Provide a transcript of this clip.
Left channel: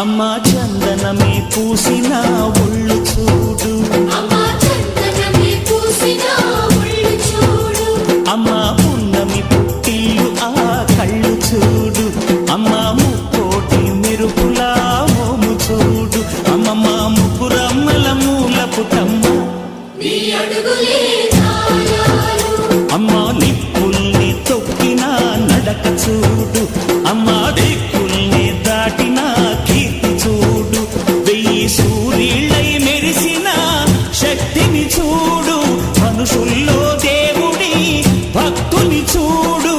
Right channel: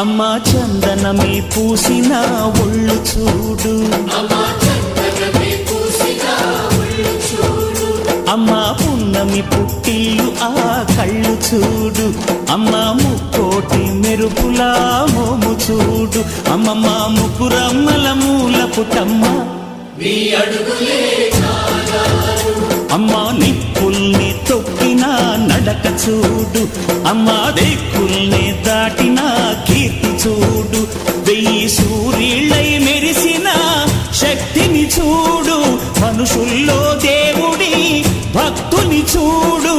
అమ్మా చందనమే పూసిన ఒళ్ళు చూడు, అమ్మా పున్నమి పుట్టిల్లు ఆ కళ్ళు చూడు, అమ్మా ముక్కోటి మెరుపులా మోము చూడు, అమ్మమ్మ ముగ్గురమ్మల మూల పుటమ్మ అమ్మా నిప్పుల్ని తొక్కిన నడక చూడు, అమ్మా దిక్కుల్ని దాటిన కీర్తి చూడు, 1000 సూర్యుళ్ళై మెరిసిన శక్తిని చూడు, మనుషుల్లో దేవుడి భక్తుని చూడు.